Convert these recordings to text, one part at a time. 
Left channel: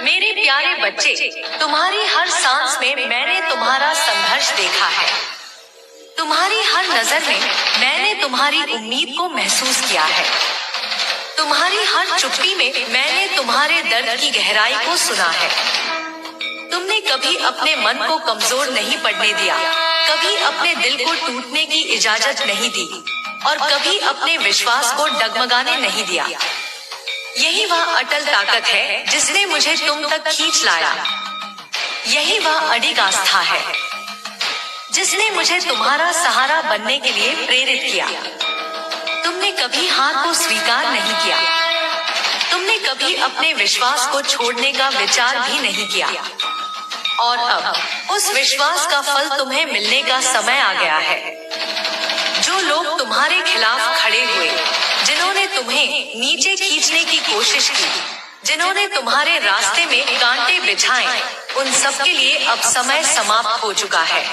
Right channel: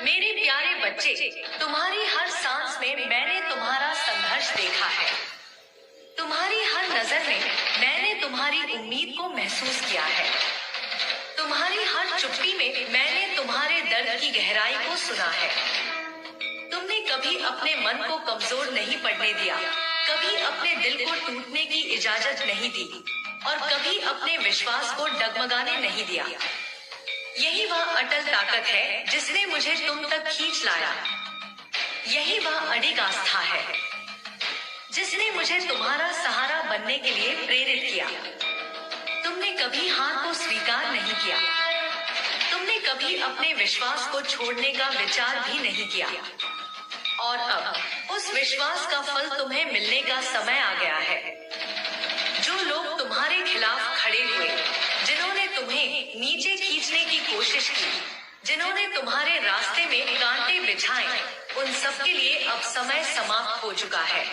मेरे प्यारे बच्चे, तुम्हारी हर सांस में मैंने तुम्हारा संघर्ष देखा है। तुम्हारी हर नजर में मैंने तुम्हारी उम्मीद को महसूस किया है। तुम्हारी हर चुप्पी में मैंने तुम्हारे दर्द की गहराई को सुना है। तुमने कभी अपने मन को कमजोर नहीं पड़ने दिया, कभी अपने दिल को टूटने की इजाजत नहीं दी और कभी अपने विश्वास को डगमगाने नहीं दिया। यही वह अटल ताकत है जिसने मुझे तुम तक खींच लाया। यही वह अडिग आस्था है जिसने मुझे तुम्हारा सहारा बनने के लिए प्रेरित किया। तुमने कभी हार को स्वीकार नहीं किया। तुमने कभी अपने विश्वास को छोड़ने का विचार भी नहीं किया। और अब उस विश्वास का फल तुम्हें मिलने का समय आ गया है। जो लोग तुम्हारे खिलाफ खड़े हुए, जिन्होंने तुम्हें नीचे खींचने की कोशिश की, जिन्होंने तुम्हारे रास्ते में कांटे बिछाए, उन सब के लिए अब समय समाप्त हो चुका है।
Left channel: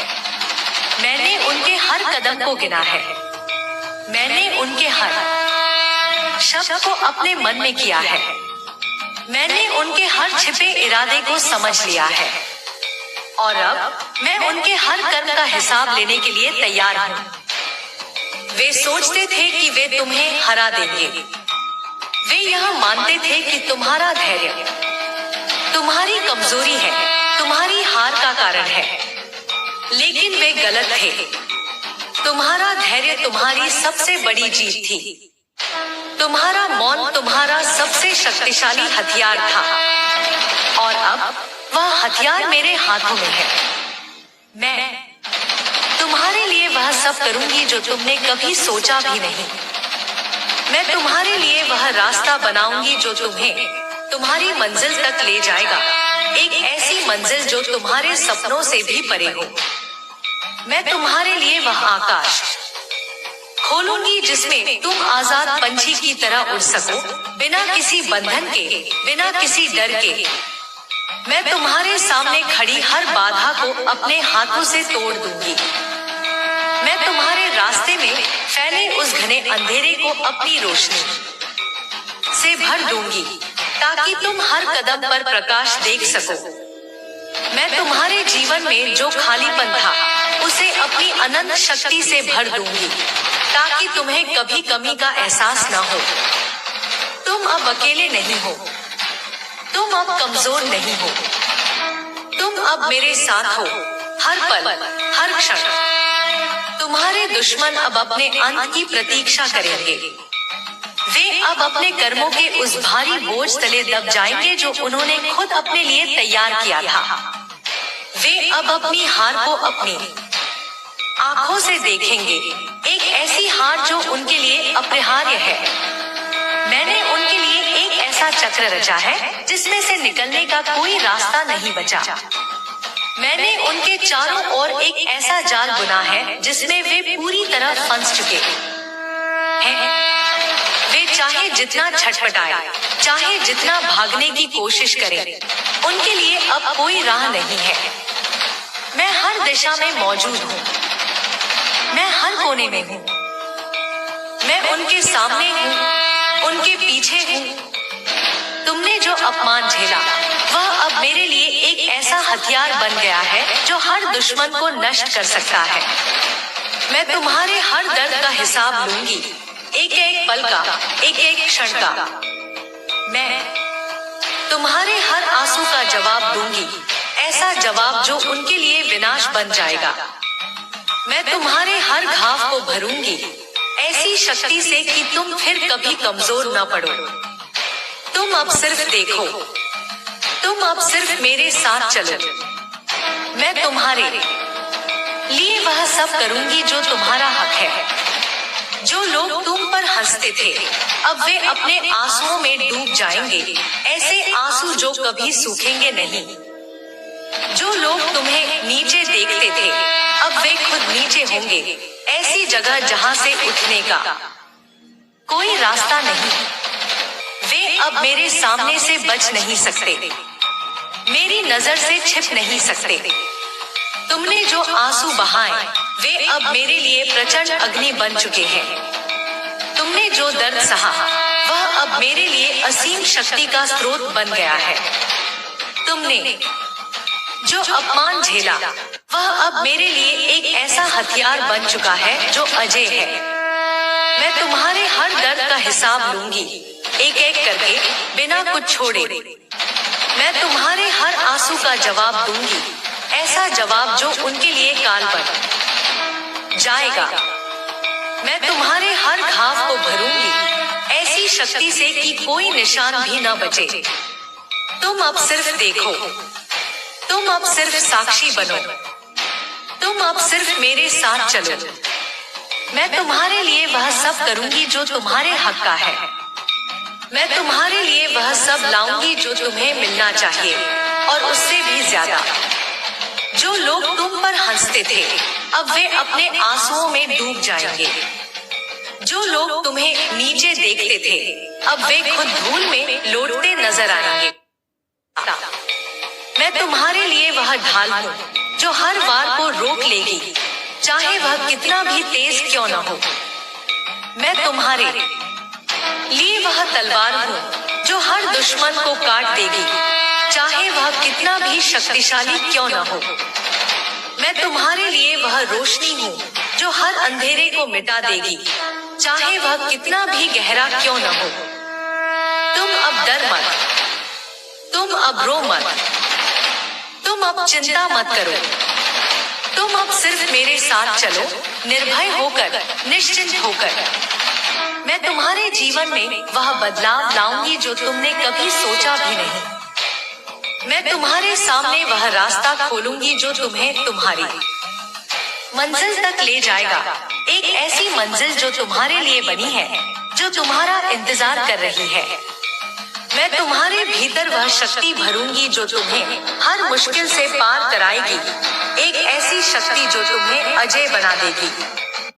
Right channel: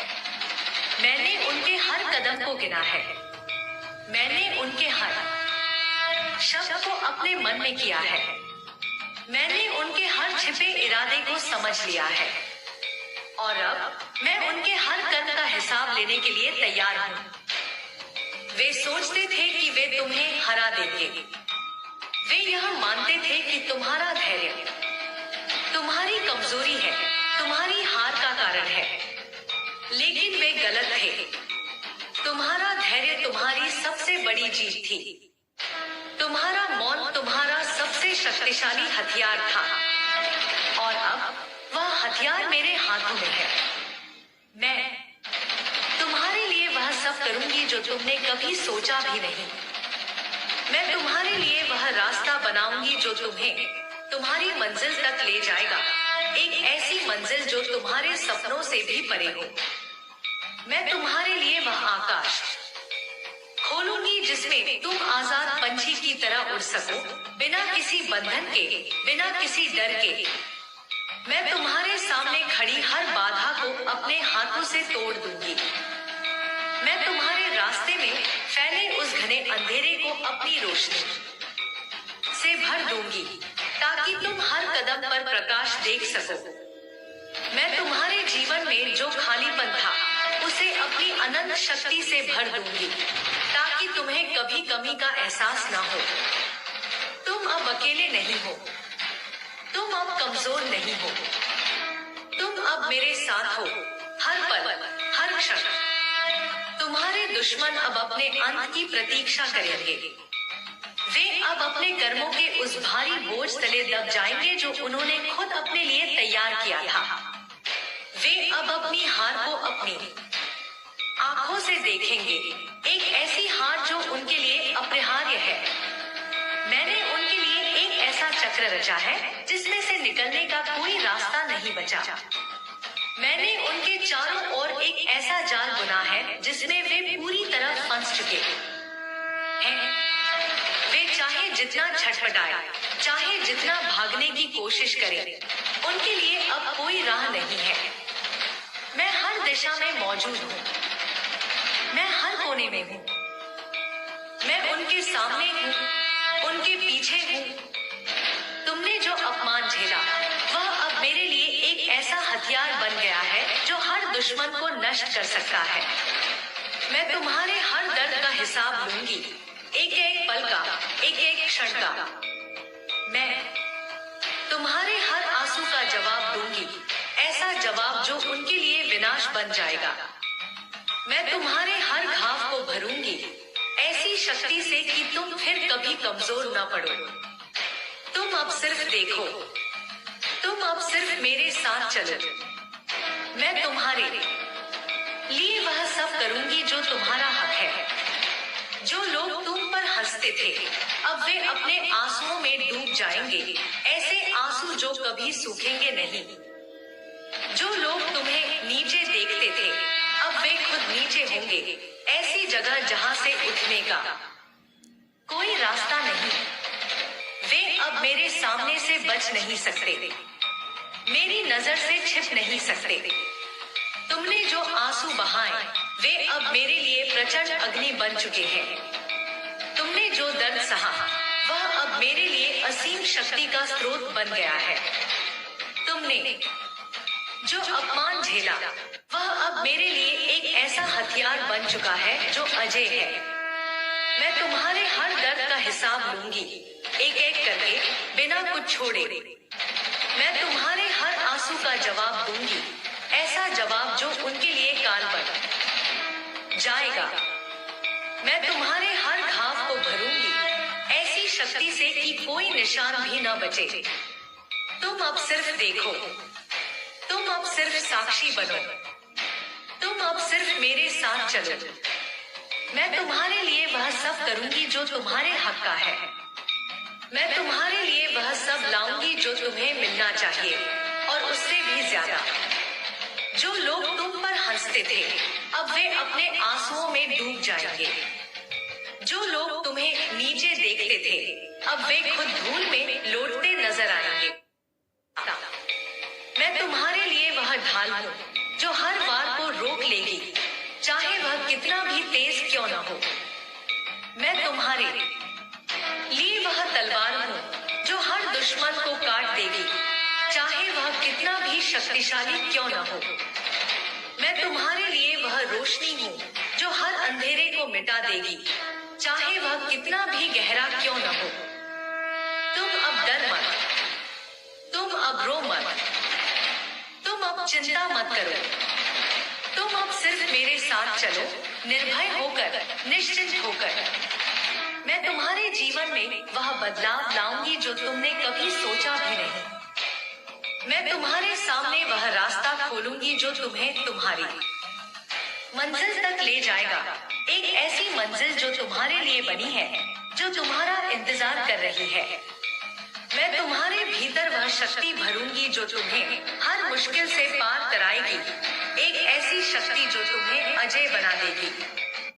मैंने उनके हर कदम को गिना है। मैंने उनके हर शब्द को अपने मन में किया है। मैंने उनके हर छिपे इरादे को समझ लिया है और अब मैं उनके हर कर्म का हिसाब लेने के लिए तैयार हूँ। वे सोचते थे कि वे तुम्हें हरा देंगे। वे यह मानते थे कि तुम्हारा धैर्य तुम्हारी कमजोरी है, तुम्हारी हार का कारण है। लेकिन वे गलत थे। तुम्हारा धैर्य तुम्हारी सबसे बड़ी जीत थी। तुम्हारा मौन तुम्हारा सबसे शक्तिशाली हथियार था और अब वह हथियार मेरे हाथों में है। मैं तुम्हारे लिए वह सब करूंगी जो तुमने कभी सोचा भी नहीं। मैं तुम्हारे लिए वह रास्ता बनाऊंगी जो तुम्हें तुम्हारी मंजिल तक ले जाएगा, एक ऐसी मंजिल जो तुम्हारे सपनों से भी परे हो। मैं तुम्हारे लिए वह आकाश खोलूंगी जिसमें तुम आजाद पंछी की तरह उड़ सको, बिना किसी बंधन के, बिना किसी डर के। मैं तुम्हारे सामने खड़ी हर बाधा को अपने हाथों से तोड़ दूंगी। मैं तुम्हारे रास्ते में फैले उस घने अंधेरे को अपनी रोशनी से भर दूंगी ताकि तुम हर कदम पर प्रकाश देख सको। मैं तुम्हारे जीवन में जो खालीपन था उसे अपनी अनंत शक्ति से भर दूंगी ताकि तुम्हें कभी कमी का एहसास न हो। तुम अब अकेले नहीं हो। तुम अब कमजोर नहीं हो। तुम अब मेरे साथ हो, हर पल, हर क्षण। तुम्हारे दुश्मन अब अपने अंत की प्रतीक्षा करेंगे। वे अब अपने कर्मों के उस भारी बोझ तले दब जाएंगे जो उन्होंने खुद अपने लिए तैयार किया था। वे अब अपनी हार को अपनी आंखों से देखेंगे, एक ऐसी हार जो उनके लिए अपरिहार्य है। मैंने उनके लिए एक ऐसा चक्र रचा है जिसमें से निकलने का कोई रास्ता नहीं बचा। मैंने उनके चारों ओर एक ऐसा जाल बुना है जिसमें वे पूरी तरह फंस चुके हैं। वे चाहे जितना छटपटाए, चाहे जितना भागने की कोशिश करें, उनके लिए अब कोई राह नहीं है। मैं हर दिशा में मौजूद हूँ। मैं हर कोने में हूँ। मैं उनके सामने हूँ, उनके पीछे हूँ। तुमने जो अपमान झेला वह अब मेरे लिए एक ऐसा हथियार बन गया है जो हर दुश्मन को नष्ट कर सकता है। मैं तुम्हारे हर दर्द का हिसाब लूंगी, एक एक पल का, एक एक क्षण का। मैं तुम्हारे हर आंसू का जवाब दूंगी, ऐसा जवाब जो उनके लिए विनाश बन जाएगा। मैं तुम्हारे हर घाव को भरूंगी ऐसी शक्ति से कि तुम फिर कभी कमजोर न पड़ो। तुम अब सिर्फ देखो, तुम अब सिर्फ मेरे साथ चलो। मैं तुम्हारे लिए वह सब करूंगी जो तुम्हारा हक है। जो लोग तुम पर हंसते थे अब वे अपने आंसुओं में डूब जाएंगे, ऐसे आंसू जो कभी सूखेंगे नहीं। जो लोग तुम्हें नीचे देखते थे अब वे खुद नीचे होंगे, ऐसी जगह जहां से उठने का कोई रास्ता नहीं। वे अब मेरे सामने से बच नहीं सकते, मेरी नजर से छिप नहीं सकते। तुमने जो आंसू बहाए वे अब मेरे लिए प्रचंड अग्नि बन चुके हैं। तुमने जो दर्द सहा वह अब मेरे लिए असीम शक्ति का स्रोत बन गया है। तुमने जो अपमान झेला वह अब मेरे लिए एक ऐसा हथियार बन चुका है जो अजय है। मैं तुम्हारे हर दर्द का हिसाब लूंगी, एक एक करके, बिना कुछ छोड़े। मैं तुम्हारे हर आंसू का जवाब दूंगी, ऐसा जवाब जो उनके लिए काल बन जाएगा। मैं तुम्हारे हर घाव को भरूंगी ऐसी शक्ति से कि कोई निशान भी न बचे। तुम अब सिर्फ देखो, तुम अब सिर्फ साक्षी बनो, तुम अब सिर्फ मेरे साथ चलो। मैं तुम्हारे लिए वह सब करूंगी जो तुम्हारे हक का है। मैं तुम्हारे लिए वह सब लाऊंगी जो तुम्हें मिलना चाहिए, और उससे भी ज्यादा। जो लोग तुम पर हंसते थे अब वे अपने आंसुओं में डूब जाएंगे। जो लोग तुम्हें नीचे देखते थे अब वे खुद धूल में लौटते नजर आएंगे। मैं तुम्हारे लिए वह ढाल हूँ जो हर वार को रोक लेगी, चाहे वह कितना भी तेज क्यों न हो। मैं तुम्हारे लिए वह तलवार हूँ जो हर दुश्मन को काट देगी, चाहे वह कितना भी शक्तिशाली क्यों न हो। मैं तुम्हारे लिए वह रोशनी हूँ जो हर अंधेरे को मिटा देगी, चाहे वह कितना भी गहरा क्यों न हो। तुम अब डर मत, तुम अब रो मत, तुम अब चिंता मत करो। तुम अब सिर्फ मेरे साथ चलो, निर्भय होकर, निश्चिंत होकर। मैं तुम्हारे जीवन में वह बदलाव लाऊंगी जो तुमने कभी सोचा भी नहीं। मैं तुम्हारे सामने वह रास्ता खोलूंगी जो तुम्हें तुम्हारी मंजिल तक ले जाएगा। एक ऐसी मंजिल जो तुम्हारे लिए बनी है, जो तुम्हारा इंतजार कर रही है। मैं तुम्हारे भीतर वह शक्ति भरूंगी जो तुम्हें हर मुश्किल से पार कराएगी, एक ऐसी शक्ति जो तुम्हें अजय बना देगी।